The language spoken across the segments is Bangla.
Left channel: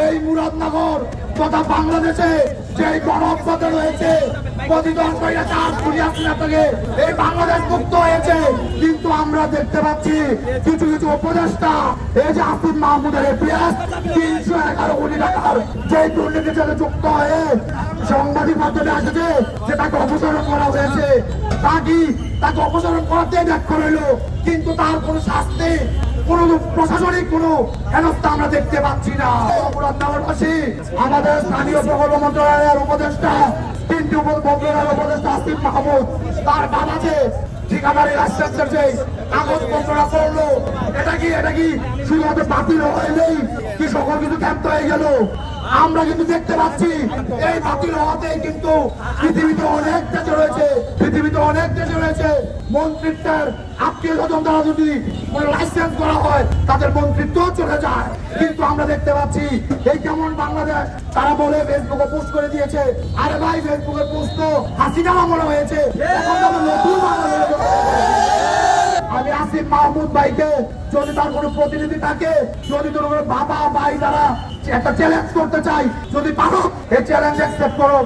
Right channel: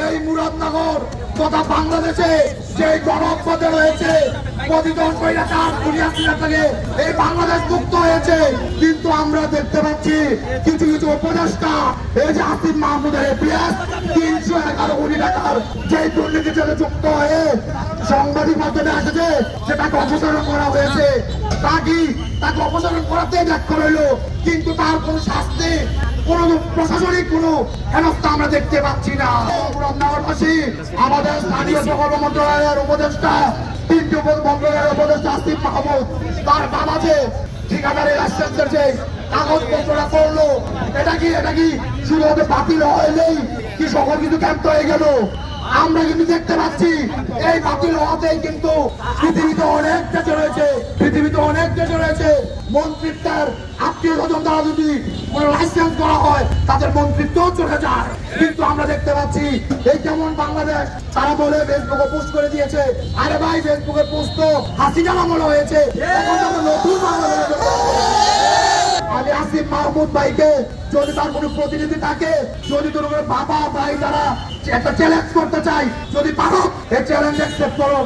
এই মুরাদনগর তথা বাংলাদেশে যে গণপথে রয়েছে তিনশো টাকার যুক্ত হয়ে সাংবাদিক মাধ্যমে তাকে অপসারণ করা তাকে করাতেই ব্যাখ্যা রইল, কিন্তু তার কোনো শাস্তি কোন প্রশাসনিক আমরা দেখতে পাচ্ছি না। আমাদের স্থানীয় মন্ত্রণালয়ের উপদেষ্টা তিনটি মন্ত্রণালয়ের উপদেষ্টা আসিফ মাহমুদ, তার বাবাকে যে করল এটা কি এটা কি শুধুমাত্র বাতিল হয়নি কি সকল হয়ে গেল? আমরা কিন্তু দেখতে পাচ্ছি, এই বাতিল হওয়াতেই কিন্তু অনেক দেশে রয়েছে মন্ত্রিত্বের আত্মীয় স্বজন দ্বারা যদি লাইসেন্স করা হয়, তাদের মন্ত্রিত্ব চলে যায়। কিন্তু আমরা দেখতে পাচ্ছি, এই কেমন বাংলাদেশ, তারা বলে ফেসবুকে পোস্ট করে দিয়েছে, আরে ভাই ফেসবুকে পোস্ট তো হাসিনার আমলে হয়েছে। এখন তো নতুন বাংলাদেশ আমি আসিফ মাহমুদ ভাইকে, যদি তার কোনো প্রতিনিধি থাকে, যদি তোর বাবা, ভাই তারা একটা চ্যালেঞ্জ করতে চাই, যদি পারো, এই চ্যালেঞ্জ অ্যাকসেপ্ট করো।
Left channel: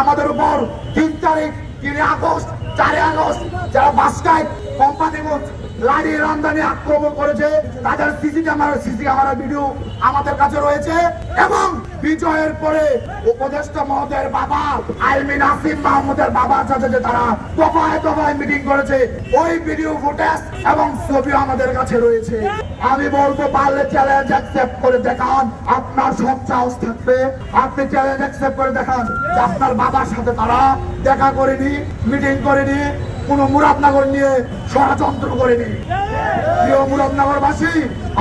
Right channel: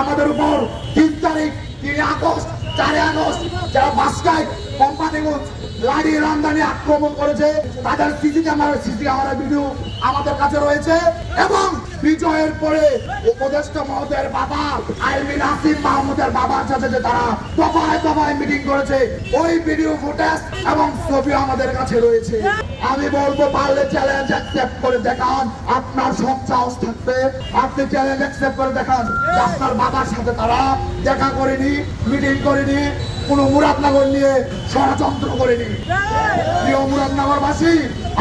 আমাদের উপর তিন তারিখ, তিন আগস্ট চারে আগস্ট যারা বাসটায় কোম্পানিগঞ্জ লাড়ি রামদানি আক্রমণ করেছে। তাদের CC camera CC camera video আমাদের কাছে রয়েছে। এবং বিজয়ের পরে উপদেষ্টা মহোদয়ের বাবা আইমিন আসিফ মাহমুদের বাবার সাথে যে তারা দফায় দফায় মিটিং করেছে, ওই ভিডিও ফুটেজ এবং ছবি আমাদের কাছে রয়েছে। আমি বলব, পারলে চ্যালেঞ্জ অ্যাকসেপ্ট করে দেখান, আপনার সব সাহস থাকবে। আপনি চ্যালেঞ্জ অ্যাকসেপ্ট করে দেখান আপনার বাবার সাথে তারা দেখা করেনি মিটিং করেনি, কোনো মুরাদনগর নিয়ে ষড়যন্ত্র করেনি। প্রিয় মুরাদনগরবাসী,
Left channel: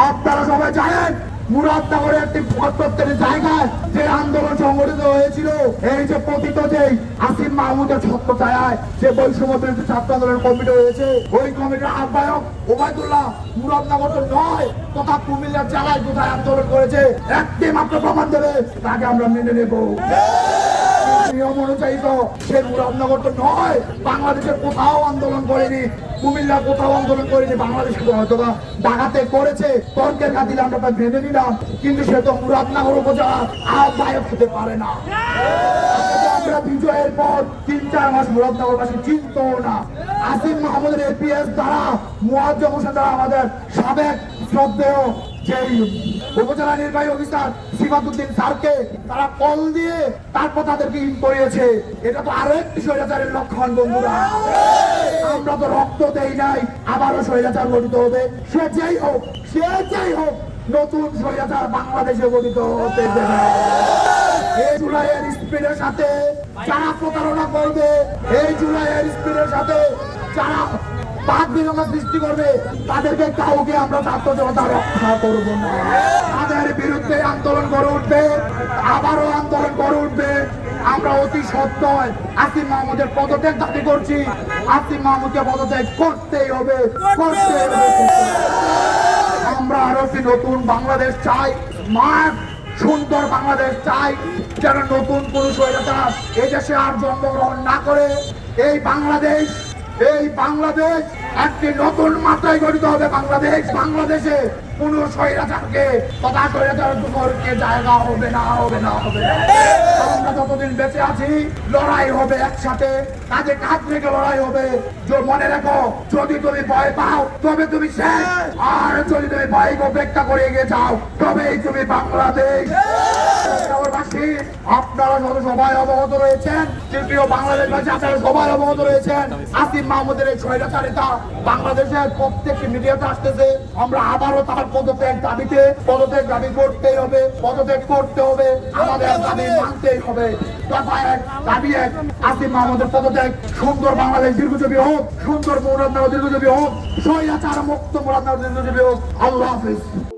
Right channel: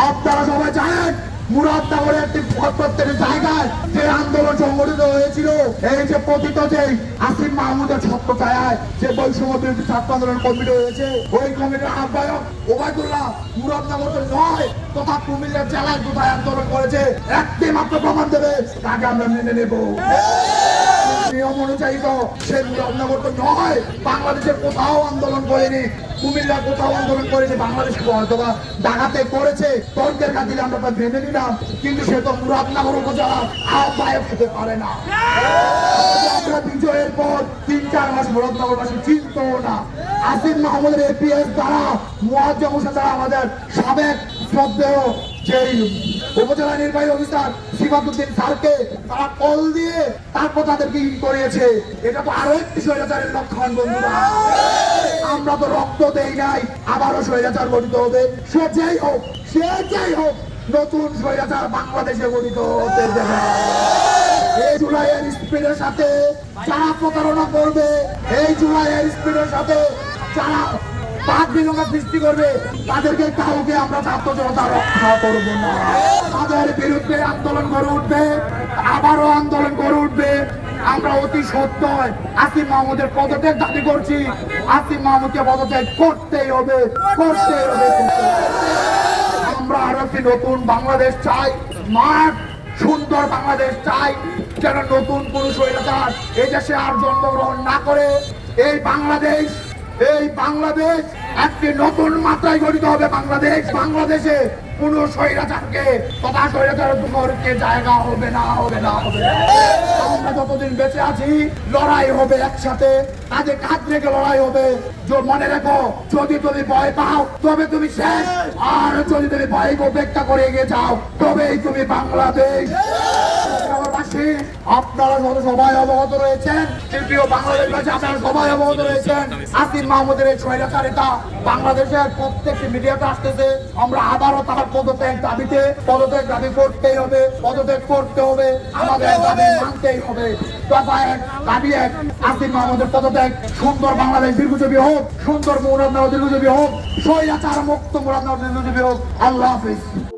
আপনারা সবাই জানেন মুরাদনগরের একটি প্রত্যেকটি জায়গায় যে আন্দোলন সংগঠিত হয়েছিল, এই যে পতিত যে আসিম মাহমুদের ছত্রছায়ায় যে বৈষম্য বিরোধী ছাত্র আন্দোলন কমিটি হয়েছে, ওই কমিটির আহ্বায়ক ওবায়দুল্লাহ মুরাদনগর তো নয়, তথা কুমিল্লা জেলায় কোথায় আন্দোলন করেছে। একটি মাত্র প্রমাণ দেবে, তাকে আমরা মেনে নেব। নিয়ম অনুযায়ী তো সে মুরাদনগর তো নয়, বাংলাদেশের কোথাও আন্দোলন করেনি কুমিল্লা কোথাও আন্দোলন করেনি, বাংলাদেশ হয়তো ডাকাতে করেছে, তর্কের খাতিরে আমরা তা ভেবে নিলাম কিন্তু সে তো মুরাদনগর উপজেলা আহ্বায়ক হতে পারে না। বিজয়ের পর তিন চার মাস মুরাদনগরবাসী চিনত না। আসিম মাহমুদের এপিএস দ্বারা মুয়াজ্জম হোসেন আমাদের সাবেক শ্রদ্ধেয় যে উপজেলা নির্বাহী অফিসার সিফাতুদ্দিন স্যারকে তারা কল দিয়ে তারপর তাদেরকে ইন করিয়েছে। এটা তো আরও একটি স্বৈরাচারের লক্ষণ, বন্ধুরা। আমরা তো রক্ত দেই নাই, আবারও স্বৈরাচার গঠিত হবে। সে যেই হোক, সে যেই হোক, নতুন স্বৈরাচার বাংলাদেশে গঠিত হতে দেবে। এই জুলাইয়ের স্পিডের সাথে যারা প্রতারণা করবে, এই জুলাইয়ের স্পিডের সাথে যারা বাদ বিনিময় সৃষ্টি করবে, তাদেরকে কাউকে আমরা ছাত্র জনতা রক্ষা করব না। তাদের বিরুদ্ধে আন্দোলন করে উঠবে, আবারও আন্দোলন করে উঠবে। আমরা অতি সত্য আসিম মাহমুদের পদত্যাগ দাবি করছি। আসিম মাহমুদকে পদত্যাগ করতেই হবে করতেই হবে। আমরা আরও একটি নতুন বাংলাদেশ চাই, মাঠ, সুন্দর বাংলাদেশ চাই। যেন নতুন কোন স্বৈরাচার এই দেশে আর জন্মগ্রহণ না করে এই বাংলাদেশ এই বাংলাদেশ একটি নতুন মাত্রায় গঠিত হবে বাংলাদেশ। বাংলাদেশে কোন স্বৈরাচারকে, তথা স্বৈরাচার দুমরকে জায়গা হবে না হবে না, হবে। আমরা যতদিন বেঁচে আছি, লড়াই হবে একসাথে। কাজে কাঁধ রেখে লড়াই হবে। মনে রেখো, যদি তুমি ভয় পাও, তবে তুমি শেষ। আর যদি তুমি ভয়কে উপেক্ষা করে এগিয়ে যাও, তবেই তুমি বাংলাদেশ। বাংলাদেশবাসী, আপনারা যত সবাই অবগত রয়েছেন প্রিয় বাংলাদেশবাসী আপনারা সবাই অবগত রয়েছেন আসিফ মাহমুদের এই স্বৈরাচারিতা বাংলাদেশের প্রত্যেকটি মিডিয়াতে আসতেছে। আমরা আবারও তার পদত্যাগ দাবিতে পদত্যাগ দাবি করতেই হবে পদত্যাগ করতে হবে আমাদের দাবি মানতেই হবে। বাংলাদেশ আল্লাহ হাফিজ।